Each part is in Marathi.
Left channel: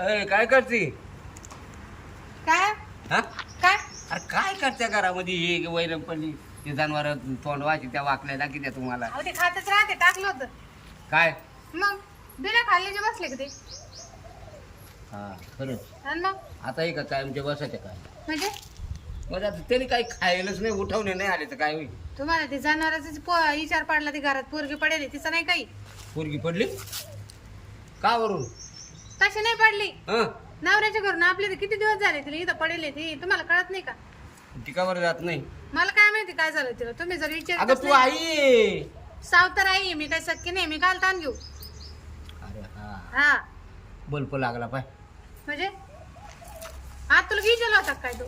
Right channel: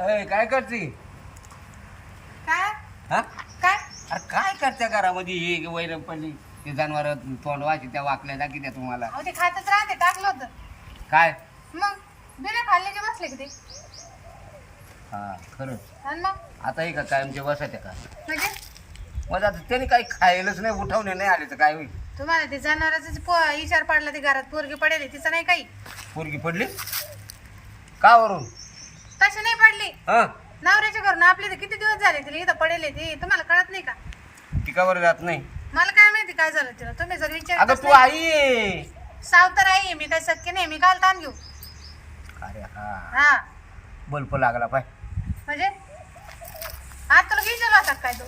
अय, काय करते? काय? हा? काय? अरे काय करते घरामध्ये हे वैरम पडली? ते जनावर तोंड वाची त्या वाकल्या दाखी त्या तुम्हाला. अहो ते खातच राहते टाकलं होतं. काय? मग बिना खाल्ले की बसले का ते? हा खरंच. आणि मग आता हे का कायमचे बसायच्या का? म्हणजे? मग आता त्याने काही खायलाच नाही उठवणे नाही आले तर काय होईल? तुम्हाला ते जनावराचा पो विचार पडला ते घरात पोरगी पडेल तिचं नाही काही? पोरगी पडली? का वरून? तशी नाही पडली. हा? नवऱ्याच्या घरून आपले ते किती दिवस झाले तिला इथं पडेल ते. तुम्हाला कळत नाही का? टिकावर जात नाही? मला काय माहिती काय झालं तिला. तुम्ही जर विचार तू आई! आहे. सावतर आहे मी काही शक्य नाही. मी काल ताण घेऊ. अरे हा. हा. बल्ब लागला पाय. म्हणजे? आज तुला विचारला होता काय तू?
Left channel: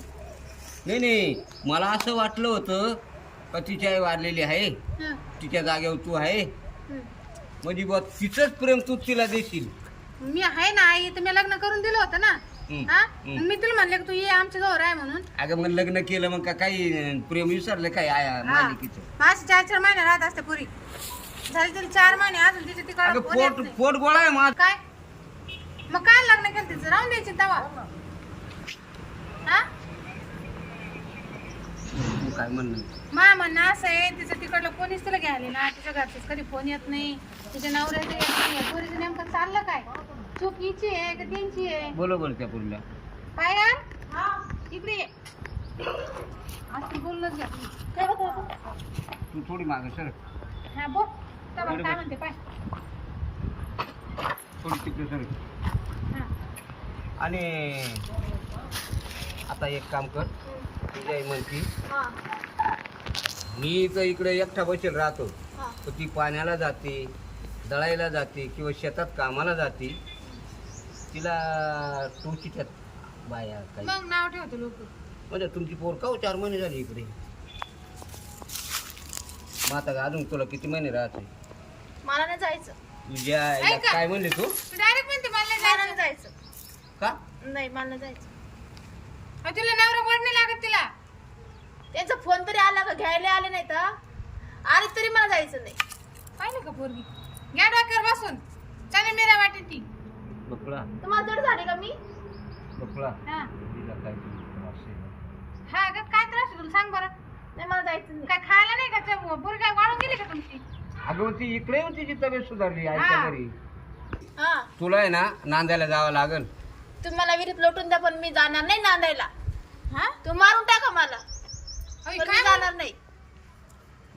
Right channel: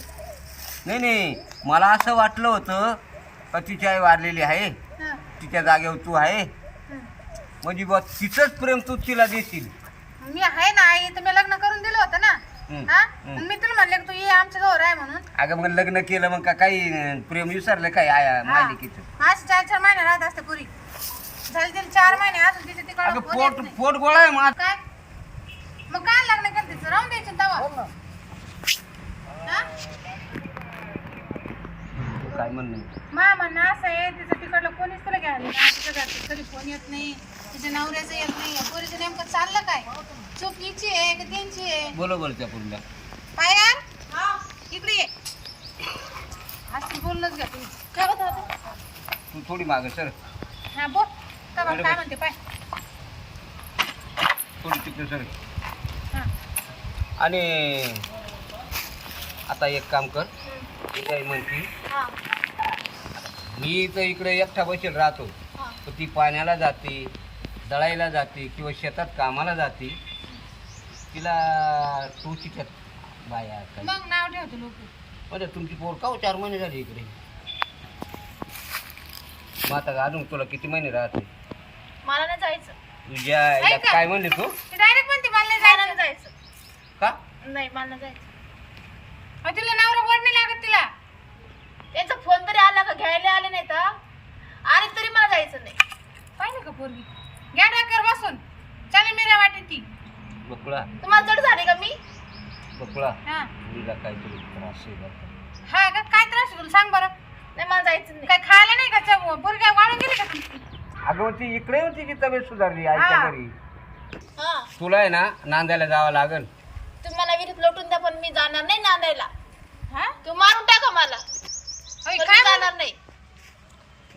नाही नाही. मला असं वाटलं होतं का तिची आई वारलेली आहे. हं, तिच्या जागेवर तू आहे. हं. म्हणजे बा तिचंच प्रेम तू तिला देशील. मी आहे ना आई तर मी लग्न करून दिलं होतं ना. हं. मी तुला म्हणले की तू ये आमच्या जवळ आहे म्हणून. अगं मग लग्न केलं मग का काही अं, प्रेम विसरलं काय? आया मालिकेचं. माझे चार चार महिने राहत असते पुरी. झाले तिला चार महिने अजून तिचे तिकडे अगं पोट पोट गोळा आहे माझ काय? मग काय लग्न केलं तिचं? राहून द्यायची तवा. हा? काय म्हणणं मा म्हणणं असं आहे तिचं तिकडलं कोणीच तिला घ्यायला ना तिच्या घरचं कधी फोन येत नाही. तिच्या नवऱ्याचं येत नाही. या पोरीचं नेमकं चाललं काय? चूक हिची आहे का त्यांची आहे? बोलो बोल त्या पुरीला. पायार इकडे ये. आज बोललंच घ्या काय होत होतं तू थोडी माग सर हा बोल. काय काय म्हणते? पाय. थोडी तिकडे सर हा. आणि आता एक काम कर. ती काही म्हणती हा. मी तर इकडे एकटा बसेल राहतो. हा. तर ती पाण्याला जाते दळायला जाते किंवा शेतात कामाला जाते. तिला टोचीच्यात बाया काही मग नाव ठेवतो लोक. म्हणजे तुमची पोर का हो चार महिने झाले इकडे? मग आता अजून तुला किती महिने राहते? मला नाही जायचं. तुझ्या आईला ऐका. काय म्हणले तू? डायरेक्ट म्हणते मला नाही जायचं. का? नाही मला नाही जायचं अहो, तिला नवरा गोड नाही लागत तिला त्याचा फोन तरी घ्यायला आले नाही तर? आले तरी मला जायचं नाही. पाहिलं का पोरगी? घ्या डोक्यावर बसून. चालेल मेरा वाटेल ती. बकुळा. तुम्हाला जड झाले का मी? बकुळा हा. तुला काहीतरी त्रास आहे बरं का? हा का? काय त्रास आहे तुला? सांग बरं. नाही मला जायचं नाही. काय खायला नाही का चव? पोरगी वाढून गेली का तुमची? अगं मग ती इकडे होती तिची तब्येत सुधारली आईच्या हा. घरी? हा. तुला आहे ना नांदायला जावं लागल. तुम्ही मला विहिरीत लोटून द्या पण मी जाणार नाही नांदायला. हा? तू मारून टाका मला. पण काय? जाणार नाही.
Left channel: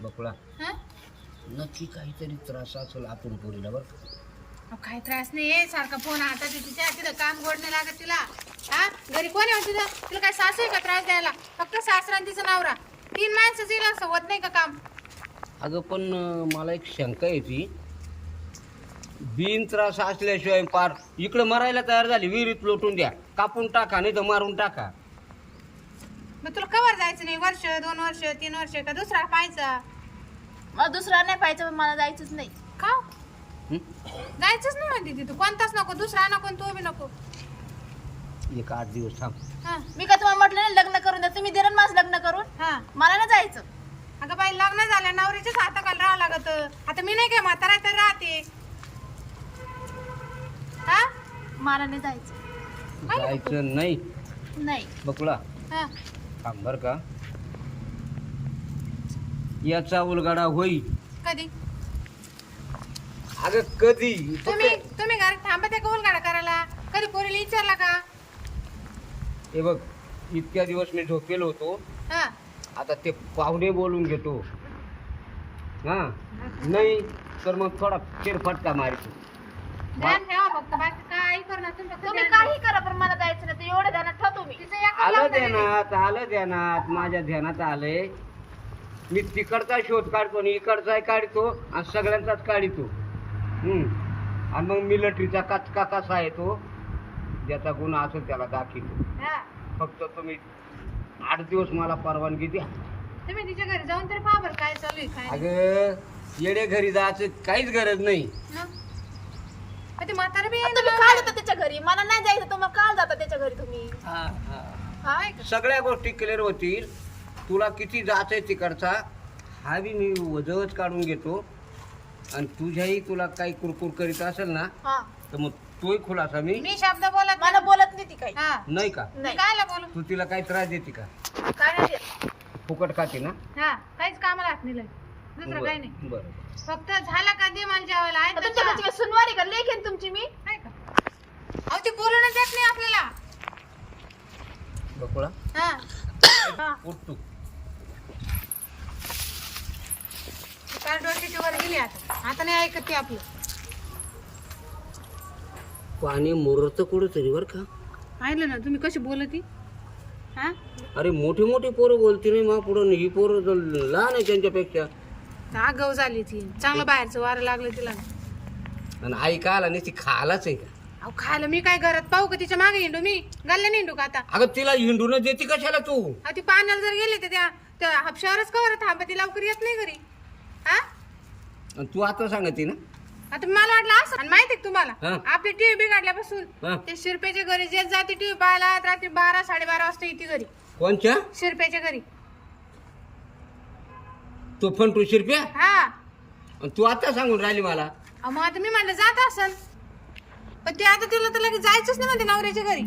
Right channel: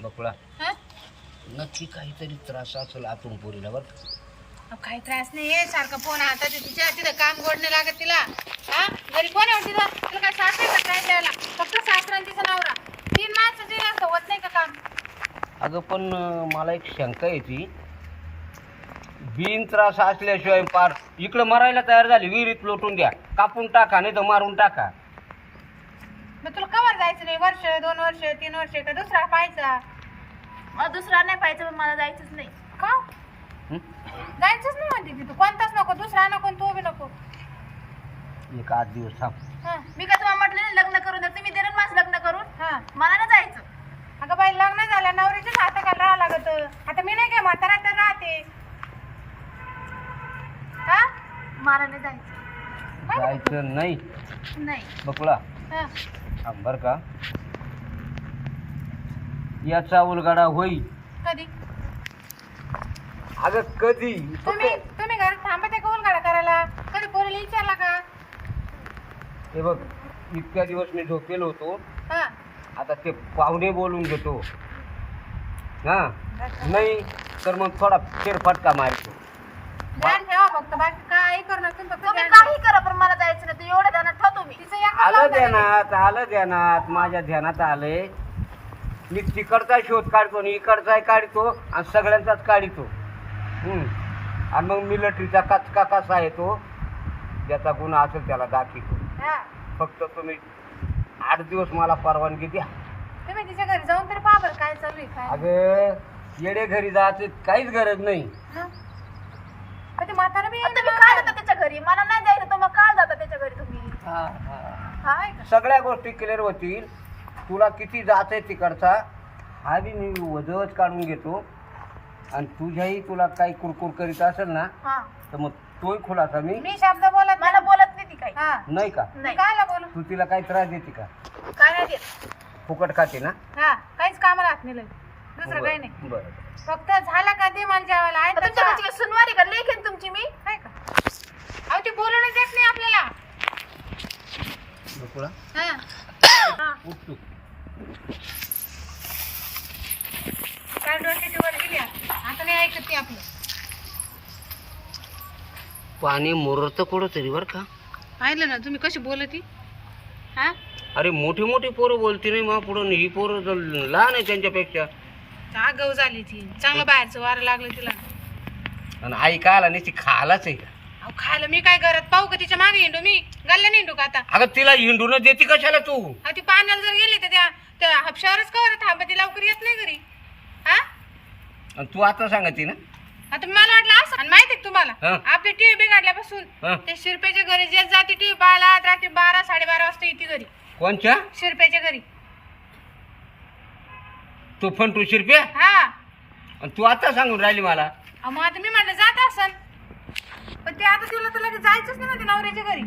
बकुळा. हा? नक्की काहीतरी त्रास असेल आतून पोरीला बरं का? अहो, काही त्रास नाही आहे सारखा फोन हातात आहे तिच्या तिथं काम गोड नाही लागत तिला. हा? घरी कोण आहे हो तिथं? तिला काय सासू आहे का त्रास द्यायला? फक्त सासरा आणि तिचा नवरा. तीन माणसं तिला असं होत नाही का काम? अगं पण अं, मला एक शंका येते बिन त्रास असल्याशिवाय पार इकडं मरायला तयार झाली विहिरीत लोटून द्या. कापून टाका नाही तर मारून टाका. मग तुला कवर जायचं नाही? वर्ष दोन वर्ष तीन वर्ष का दुसरा पाहायचा? मला दुसरा नाही पाहिजे पण मला जायचंच नाही. का? हं? जायचंच नाही म्हणते तिथं कोणताच नको दुसरा नको आणि तो बी नको. एक आठ दिवस थांब. हा. मी काय तुम्हाला म्हटलं नाही लग्न करून द्या तुम्ही दिलं ना माझं लग्न करून. हा. मला नाही जायचं. अगं बाई लग्न झालं नवऱ्याच्याच हाताखाली राहावं लागत? आता मी नाही काय म्हातारा तर राहते? हा? मला नाही जायचं. जायचं नाही. नाही. बकुळा. हा. थांब बरं का. याचा उलगाडा होईल. कधी? अगं कधी? तुम्ही फक्त तुम्ही घरात थांबा त्या कौल गाडा करायला? कधी पोरीला विचारला का? हे बघ इतक्या दिवस मी झोपेलो होतो. हा. आता ते पाहुणे बोलून घेतो. हा? नाही तर मग थोडा फेरफटका मारतो. ध्यान ठेवा फक्त बाकी काही करू नका. तुम्ही फक्त तुम्ही ध्यान ठेवा. काही करा पण मला जायचं नाही तर एवढं ध्यानात ठेवा तुम्ही तिचं एका आलं ध्यानात आलं ध्यानात माझ्या ध्यानात आले मी तिकडचा शोध काढतो आणि इकडचा काढतो आणि सगळ्यांचाच काढतो हम्म. आणि मग मिलिटरीचा कचका कसा आहे तो ज्याचा गुन्हा असेल त्याला दाखवतो हा. फक्त तुम्ही आठ दिवस मला परवानगी द्या तुम्ही तिच्या घरी जाऊन तरी पहा बरं काय चालू आहे काय नाही. अगं येडे घरी जायचं काहीच गरज नाही हं? अहो, ते म्हातारा बी तुम्ही. जाता त्याच्या घरी मला नाही जायचं तर मग काय जाता त्याच्या घरी तुम्ही हाय का? सगळ्या गोष्टी क्लिअर होतील. तुला किती जायचंय तिकडचा हा बी मी वजवच काढून घेतो. आणि तुझ्याही तुला काही कुरकुर करीत असेल ना हा. तर मग तोही खुलासा मी मी शब्द बोलत मला बोलत नाही ती काही. हा. नाही का? नाही. कायला बोलू? तू तिला काही त्रास देते का? काय नाही देत. फुकट खाते ना? हा काहीच कामाला हात नाही लावत. दुसरं काही नाही. बरं बरं. फक्त झाला का दे मला जेवायला. आहे तुमच्या खा. घरची काय सुनवारी का लेख आहे ना तुमची मी आहे का अहो ती बोलूनच देत नाही आपल्याला बकुळा हा हा उठ तू काल डोक्याची वर गेली आता आता नाही ऐकत ते आपलं पाणी मुरत कुठं तरी बरं का? पाहिलं ना तुम्ही कशी बोलती? हा? अरे मोठी मोठी पोरं बोलती नाही मग पुढं ही पोरं जर लहान आहे त्यांच्यापेक्षा. आगाऊ झाली ती? चांगलं बाहेरचं वारं लागलं तिला. आणि आई का आला नाही ती खालाच आहे का? अहो खायला मी काय करत? पाहू का तिच्यामागे हिंडू मी? गल्ल्या हिंडू का आता? अगं तिला हिंडून देते कशाला तू? अहो ती पाण्याला जर गेली तर त्या त्या हापशावरच कवर थांबती लवकर येत नाही घरी. हा? आणि तू आता सांगते ना? आता मला वाटलं असं आणि माहिती तुम्हाला? हा. आपली टीव्ही बिघडल्यापासून हा. ते शिरपेच्या घरी जे जाते टीव्ही पाहायला रात्री बारा साडेबारा वाजता येते घरी. कोणच्या? शिरपेच्या घरी. तू पण तू शिरप्या? हा. आणि तू आता सांगून राहिली मला. अहो, मग आता मी म्हणलं जात असन. पण ते आता तिला तर लगेच जायचंच नाही म्हणते नवऱ्याच्या घरी.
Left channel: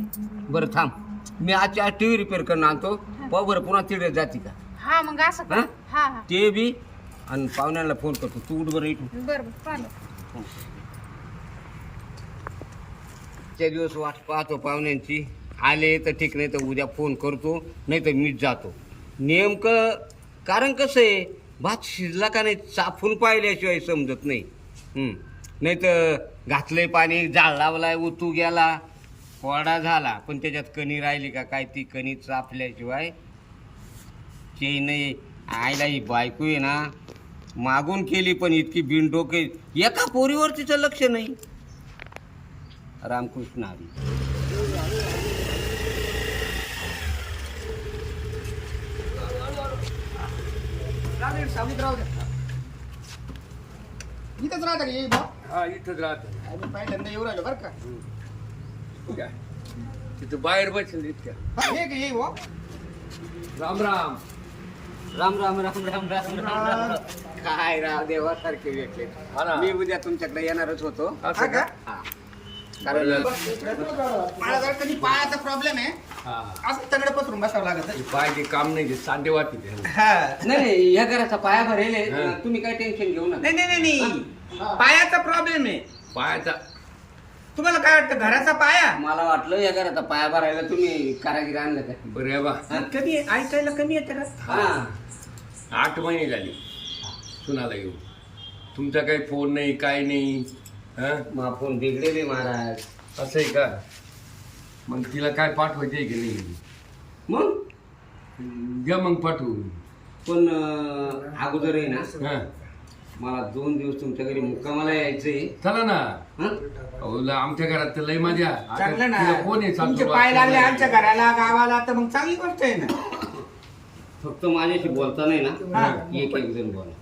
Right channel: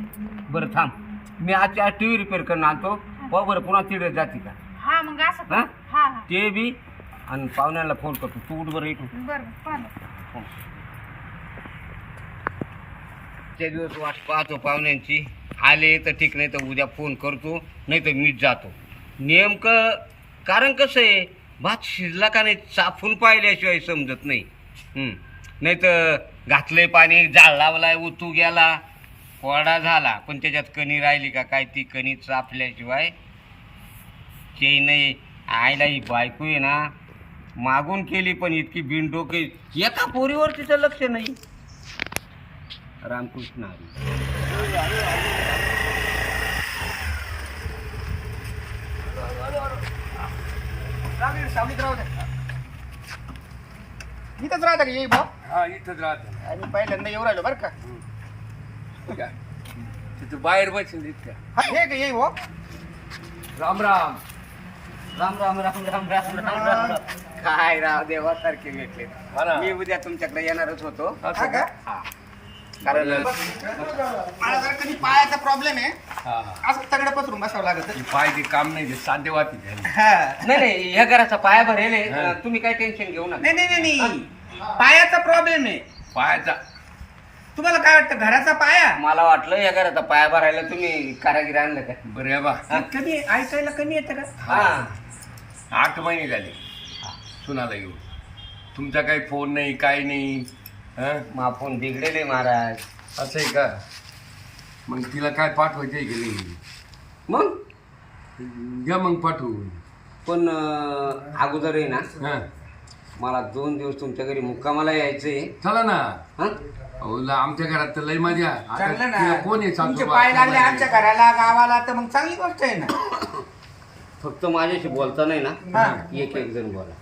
बरं थांब. मी आजच्या आज टी व्ही रिपेअर करून आणतो पाहू बरं पुन्हा तिकडे जाते का? हा मग असं. हा? हा हा. ते बी. आणि पाहुण्याला फोन करतो. तू उठ बरं इथून. बरं बरं. पाहिलं त्या दिवस वाट पाहतो पाहुण्यांची. आले तर ठीक नाही तर उद्या फोन करतो नाही तर मीच जातो. नेमकं कारण कसं आहे भात शिजला का नाही चाफून पाहिल्याशिवाय समजत नाही. नाही तर घातलंय पाणी जाळ लावलाय उतू गेला कोरडा झाला. पण त्याच्यात कणी राहिली का काय? ती कणी चापल्याशिवाय ते नाही. आयला ही बायको आहे ना मागून केली पण इतकी बिनडोके. एका पोरीवर तिचं लक्ष नाही. रामकृष्ण हरी सावलीत राहू दे. इथंच राहता का? येई भाऊ हा इथंच राहत. आम्ही पहिल्यांदा येऊ राहिलो बरं का? तिथं बाहेर बसेल इतक्या. हा हे का येई भाऊ राम राम. राम राम राम राम राम राम राम राम. काय राव देवासारखे भेटले. हा ना. मी उद्या तुमच्याकडे येणारच होतो. असं हा का? का हा. कारण मला जरा कधी पायाचा प्रॉब्लेम आहे हा. हा असं तगडं पसरून बसावं लागत. हे पाय ते काम नाही ते सांधे वाटी हा. नाही नाही ह्या घराचा पाया भरेल आहे. हा. तुम्ही काही टेन्शन घेऊ नका. नाही नाही नाही नाही. पायाचा प्रॉब्लेम आहे. पायाचा. तुम्हाला काय वाटतं घराचा पाया? मला वाटलं या घराचा पाया भरायला तुम्ही कारागीर आणलं का? बरं आहे बा. कधी ऐकायला कमी येतं का? हा. आठ महिने झाले. सुनाला येऊन. तुमचा काही फोन नाही काय नाही हा? मा फोन बिघडेले महाराज. असं आहे का? मग तिला काय पाठवायचंय की नाही? मग? द्या मग पाठवून. पण अं, अगोदर आहे ना हा. मला दोन दिवस तुमच्या घरी मुक्कामाला यायचंय. चला ना. हा? अहो, ला- आमच्या घरात तर लय मजा. आता चांगलं तिला ना कोण आहे तुमचे पाय लागले? आमच्या घराला गावाला तर मग चांगली गोष्ट आहे ना. फक्त माझ्याशी बोलता नाही ना? हा. एक एक जण बोला.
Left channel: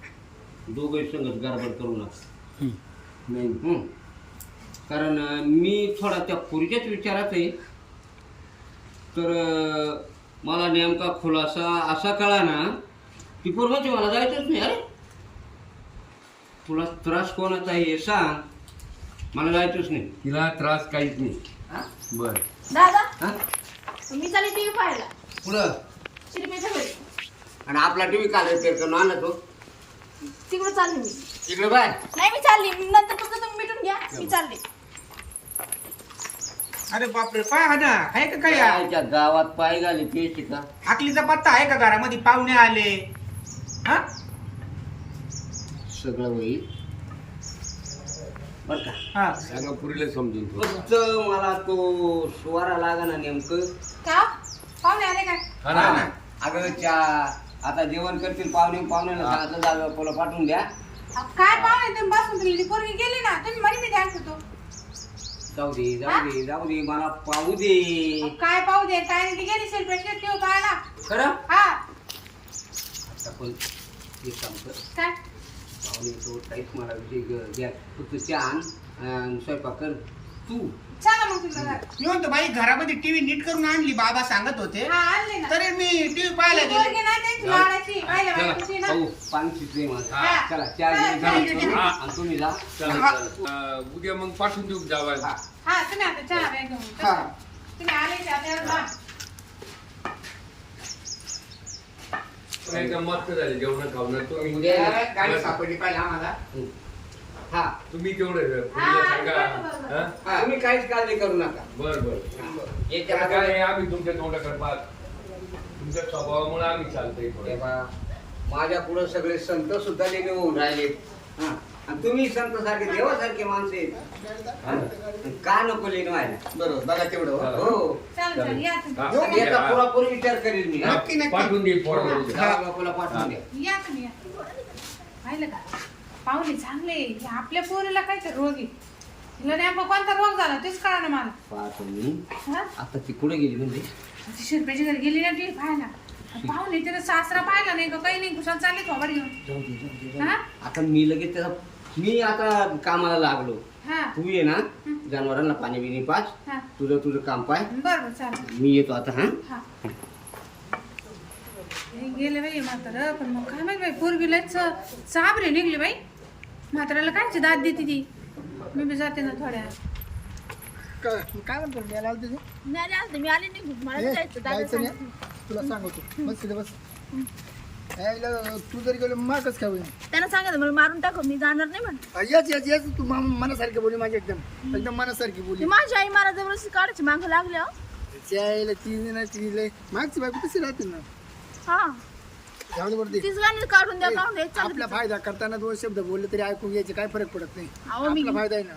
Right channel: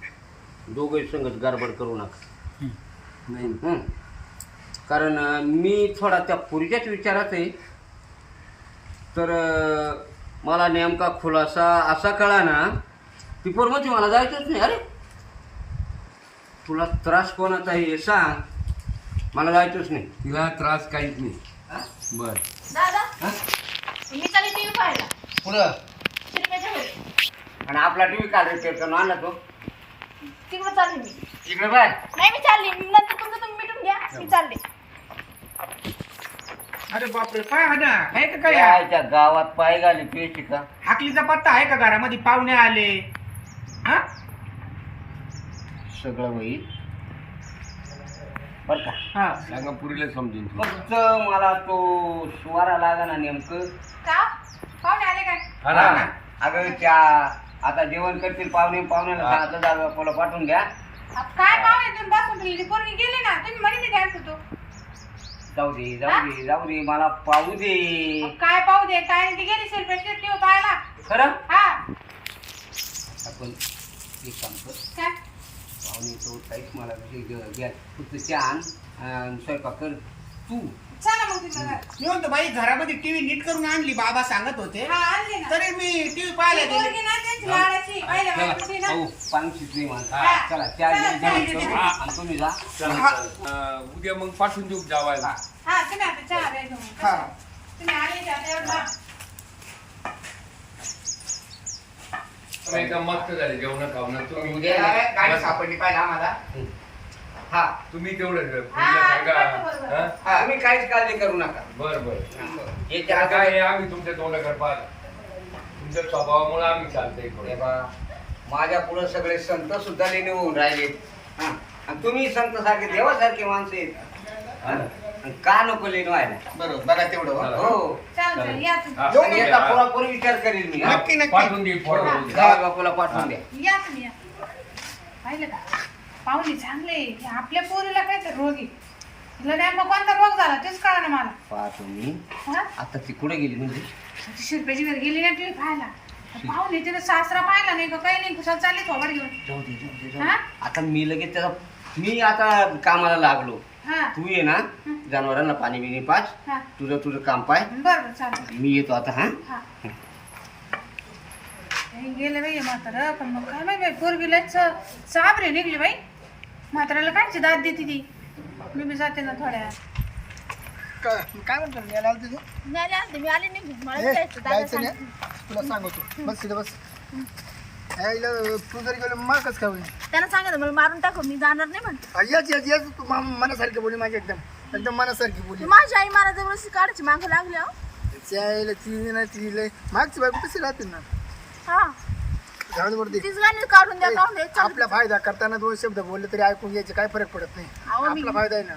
दोघे संगत गडबड करू नका. नाही. हं. कारण अं, मी थोडा त्या पुरीच्याच विचारात आहे. तर अं, मला नेमका खुलासा असा कळा ना ती पोर म्हणजे मला जायचंच नाही. अरे तुला त्रास कोणाचा आहे हे सांग. मला जायचंच नाही. तिला त्रास काहीच नाही. हा? बर. दादा हा? मी चालली टीव्ही पाहायला. पुढं घरी. आणि आपला टी व्ही काल रिपेअर करून आणला तो. तिकडे चालली मी. इकडे बाय. नाही मी चालली. नंतर तुमचं तुम्ही मिटून घ्या. मी चालली. अरे बापरे पाय हा ना. आहे का काय यायच्या गावात पाय घाली पेशी का? हाकलीचा पत्ता आहे का घरामध्ये? पाहुणे आले. हा? सगळं होईल बर का. हा. सांगा पुरीला समजून. थोडं. फक्त मला तो सुवारा लागा ना नेमकं. का? पाहुणे आले काय हा ना. अगं त्या आता जेवण करतील पाहुणे पाहुण्याला हा. सांगितलं जावं पोला पाठवून द्या अहो, काय पाहुणे तुम्ही बसून ठेवली ती पोरगी गेली ना तुम्ही म्हणे मी द्यायचं होतो. जाऊ दे जाऊ दे जाऊ दे मला पाहू दे. काय पाहू दे? काय नाही ती गेली शिरपेशी ठेव पाहायला. खरं? हा. आता पण एक काम कर. काय? पाहुणे तो काहीच मला विषय घ्या- घ्या फक्त चहा आण आणि स्वयंपाक कर. तू चला मग. मी म्हणतो बाई घरामध्ये टीव्ही नीट करून आणली बाबा सांगत होते हा आणली ना तरी मी टीव्ही पाहायला ती गेले पोरगी ना त्यांची लाडाची पहिल्या चला बायकोची ना भाऊ पाणी शिजली माझं हा. चला त्या चला, जेवण चला, करू चला. आणि तुम्ही जा चालेल, हा. चालेल. अं, उद्या मग पाठवून देऊ जावायला हा तुम्ही आता चहा प्या घेऊन. हा. तुम्ही आले की आता एवढं बा. एकदम मस्त झाले जेवण खावणं तुम्ही उद्या गाडी. सापडली पाहिजे आम्हाला हा तुम्ही तेवढं हा, सांगा. हा? तुम्ही काहीच काळजी करू नका बर बर याच्या काय आहे, आम्ही तुमच्या तोंडाकडे पाहत तुमच्या स्वभावामुळे आम्ही चालतोय हे थोडं बा, माझ्या पुढे सगळे संत सुद्धा लेणे होऊन राहिले हा. आणि तुम्ही संत सारखे देवासारखे माणसं आहेत हा? आणि का नको लेणं व्हायला बरोबर बघा तेवढं हो. चला. हो चला, चला, या तुम्ही. हा, आणि याचा हा. पुरापूर विचार करेल मी हा? नक्की, नक्की. पाठवून देईल पोराला हो, बापूला पाठवून द्या या तुम्ही या पाहिलं का पाहुणे चांगले आपल्या पोरीला काय तर रोग आहे. तिला नेमका कोणता रोग झाला तेच कळा ना मला. पाहतो मी. हा? आता ती कुठे गेली म्हणजे? शिरपेची घरी गेली ना ती पाहायला. पाहुणे तिने सासरा पाहिला नाही का? काही नाही. कुशाल चालले थोबाड घेऊन. जाऊ दे जाऊ दे जाऊ हा? दे. आता मी लगेच त्याचा मी आता कामाला लागलो. हा. तू ये ना. जनावरांना पाणी बिणी पाच. हा. तुझं तुझं काम पाय. बरं बरं चालेल. मी येतो आता हा? हा. गेले बाई म्हातारं. पण मग काय माहिती बाई पोरगी लयच साबरे निघली बाई. म्हाताऱ्याला कायची दाद देते ती? मी बी जाते ना थोड्या काय काय म्हणतो? मी आला तुझे नाही आलते, मी आले मला जायचं दादा. नाही? तुला सांगतो. बस तिथे बस. यायला तू जरी गेलो होईल त्यानं सांगितलं मला मारून टाकू. मी जाणार नाही म्हण. आ, येच येच येच तू मा- मनासारखी बोली माझी एकदम. एकदम मनासारखी बोली. ती माझी आई मला जवळ काढायची. मागं लागली हो. यायला ती ना ती लय मागची बायको कशी राहते ना. हा. जाऊ दे बरं ते. तीच गाणी काढून द्या काढून द्या चालू आपला फायदा करताना दोन शब्द बोलले तरी ऐकून घ्यायचे काय फरक पडत नाही. अहो, मी- आपला फायदा आहे ना.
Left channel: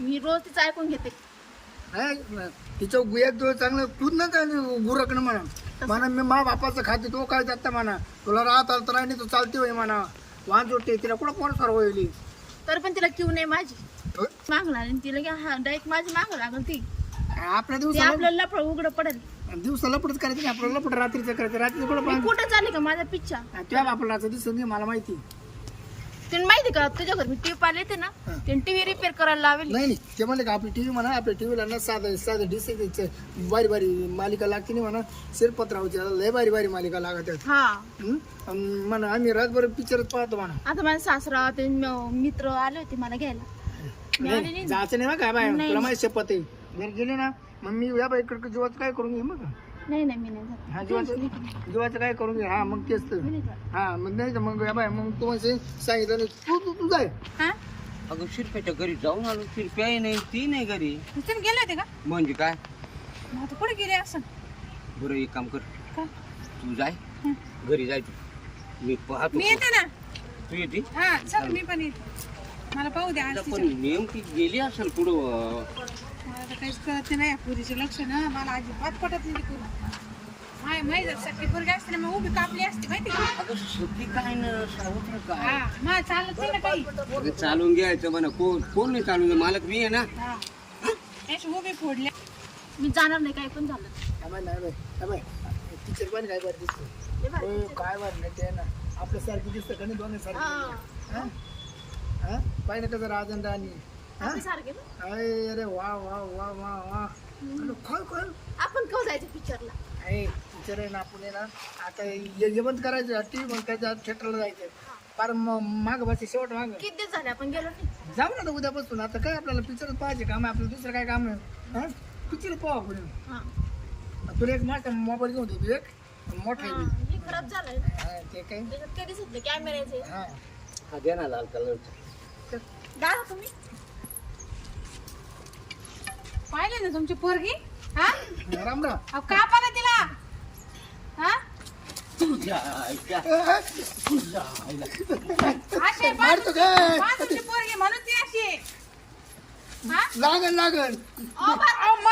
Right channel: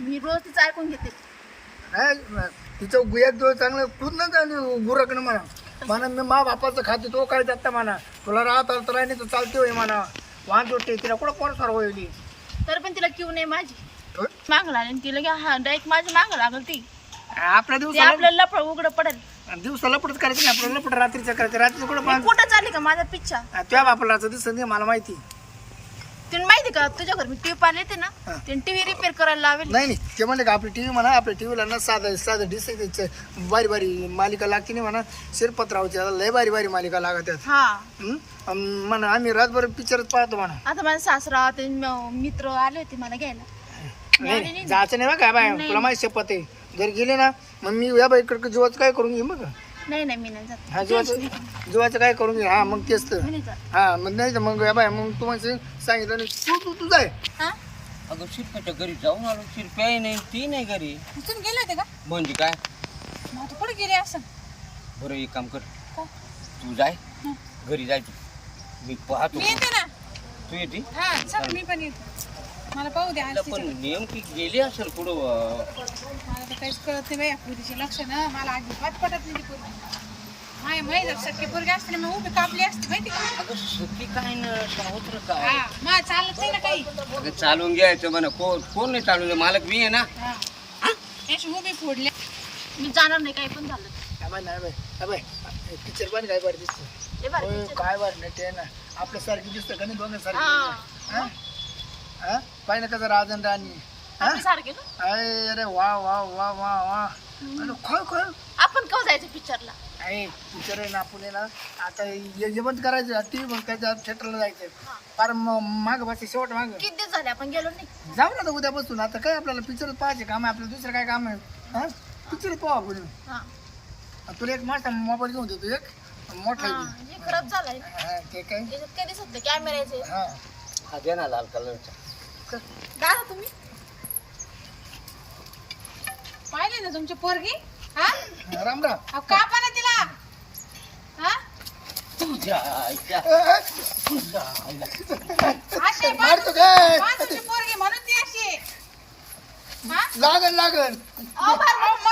मी रोज तिचं ऐकून घेते. नाही तिचं गुयात जो चांगलं तूच ना चांगलं गुरकणं म्हणा. म्हणा मी मा बापाचं खाते तो काय जाता म्हणा. तुला राहत आलं तर नाही तो चालते होय म्हणा. वाहन जोडते तिला कुठं कोण सर होईल तर पण तिला क्यू नाही माझी. माग लागली तिला की हा डायरेक्ट माझी माग लागल ती. आपल्या ते दिवसाला आपल्याला लपड उघड पडेल. दिवसाला लपडच करायचं नाही आपल्याला लपड रात्रीचं करायचं. रात्री कुठं मी पण कुठं चालली का माझा पिच्छा? तुझ्या बापाला दिसत नाही मला माहिती. तुला माहिती का? तुझ्या घरी मी टीव्ही पाहिले येते ना? हा. ते टीव्ही रिपेअर करायला लावेल. नाही नाही. ते म्हणले का आपली टीव्ही म्हणा आपल्या टीव्हीला ना साधं साधं डिस बारी बारी मालिका लागते नाही म्हणा. शिरपतरावची आता लय बारी बारी मालिका लागत हा. हं? अन म्हणा आम्ही रातभर पिक्चरच पाहतो म्हणा. आता माझा सासरा ते म- मित्र आले होते मला घ्यायला. नाही नाही. जायचं नाही बा काय बाय. तुला माहिती शपथ आहे. जर गेले ना मग मी या बाई इकडे जीवाचं काय करून घे मग नाही नाही मी नाही जात. हा जीवाचं जीवाचं काय करून घे हा मग तेच तर. मी नाही जात. हा मग नाही तर मग या बाय मग तुम्हाला सांगितलं नाही. तू तू तू जाय. हा? अगं शिरप्याच्या घरी जाऊन आलो. शिरप्याही नाही ती नाही घरी. तुम्ही गेले होते का? म्हणजे काय? मग आता कुठे गेले असं. बरं एक काम कर. काय तू जाय. हं. घरी जाय तू. मी पाहतो. मी येते ना. तू येते? हा चल मी पण येते. मला पाहू द्या तिला पण नेमकी गेली असेल पुढं अं, तर काहीच कळत नाही बाया पुरीचे लक्ष ना. मला अजिबात पटत नाही ती पुरी माय माय जर सख्खी पोरगी असते ना मग उभी कापली असते माहिती का? अगं सती काय ना सावत्र काय? हा मा चालत नाही ना काही. अगं चालून घ्यायचं म्हणा. कोण कोण नाही चालून घ्या मालक मी आहे ना. हा. अशी उभी फोडल्या मी जाणार नाही काही पण झालं. पिक्चर पण काय बरं दिसतो? होय. काय बरं नाही ते ना. आपल्यासारखी दिसतं का नाही सारखी हा. हा? हा? पाहिजे कसं राजन राणी? आपली सारखे ना? अरे अरे वा वा वा वा वा. अरे खोल खोल. आपण केव्हा जायचं पिक्चरला? आहे पिक्चर आहे ना आपण आहे ना आता हे हे बंद करायचं टी मग त्याच्या थिएटरला जायचं. फार माग बस शेवट माग. किती दिवस झाले आपण गेलो नाही? जाऊ ना आता उद्यापासून. आता काय आपल्याला पिक्चरच पाहायचे काम आहे आपलं दुसरं काय काम आहे? हा? पिक्चर पाहू आपण. हा. तुला एक मोठा मोबाईल घेऊन देतो एक. मोठा हा. हे खराब झालाय. हा, ते काय? त्याच्यात काय दिसत नाही कॅमेऱ्याचे. हा. हा द्या ना लाल कलरचा. दादा तुम्ही? पाहिले ना तुमची पोरगी हा राम राम अहो कापा ना तिला हा तुझ्या अशी मारतो काय तुमची पोरगी म्हणून ती अशी आहे. हा लागन लागन अहो,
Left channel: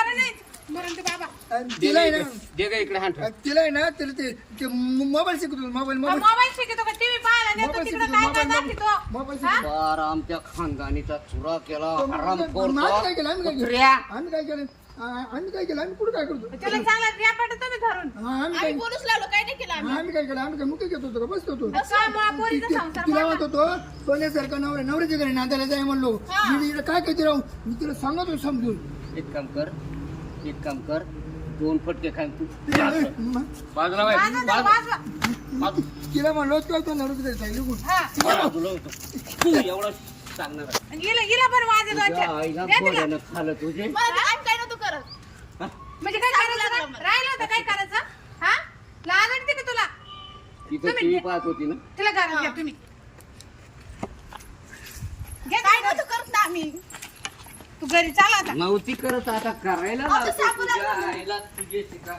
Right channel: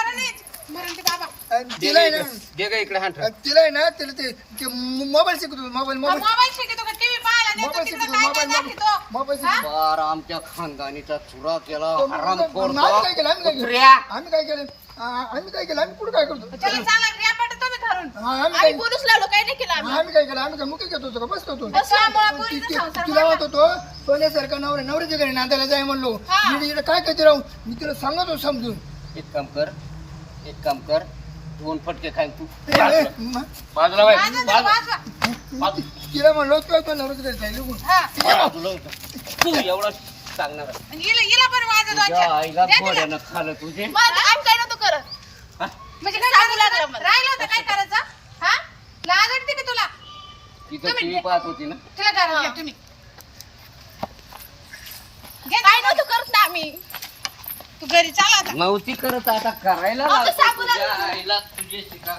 नाही मरण ते बाबा. आणि तिला आहे ना. दे गा इकडे हात तिला आहे ना तिला ते ते मोबाईल शिकतो मोबाईल मोबाईल. मोबाईल शिकतो का? टीव्ही पाहायला नेतो मोबाईल तिकडे शिकतो काय काय मोबाईल दाखवतो. मोबाईल? शिकतो बार आमच्या खानदानीचा चुरा केला हराम आम्ही काय केलं? आम्ही काय केलं? कुत्र्या. आम्ही काय केलं? आ- आम्ही काय केलं? आम्ही कुठं काय करतो? त्याला चांगला रियापाट तुम्ही धरून. हा, आम्ही काय आम्ही पोलीस लावलो काही नाही केलं आम्ही. आम्ही काय केलं? आम्ही काय मुके घेत होतो का? बसतो होतो? त्यामुळे पोरीचा ति- संसार तिला म्हणत होतो सोन्यासारखा नवरा नवऱ्याच्या घरी नांदायला जाय म्हणलो. मी इकडे काय करते राहू मी तिला सांगत होतो समजून. एक काम कर एक काम कर दोन फटके खाईन तू. बाजूला. बाई, वाजवा त्याला, बाजू- वाजवा. बाजू- तिला म्हणलो तो तो नवरच घरी जाईल निघून. हा. बाजूला होतो. तू एवढं सांगणार आहे. तुझ्या. आईला. घोड्यानं खाल्लं तुझे. हा? म्हणजे हा? तिथं तुम्ही- टीव्ही पाहत होती ना. तिला घ्या तुम्ही. काय. नव्हतं करत ना आम्ही? तू घरी चाल आता नव्हती करत आता करायला लावते तुझ्या. आईला तुझे शिका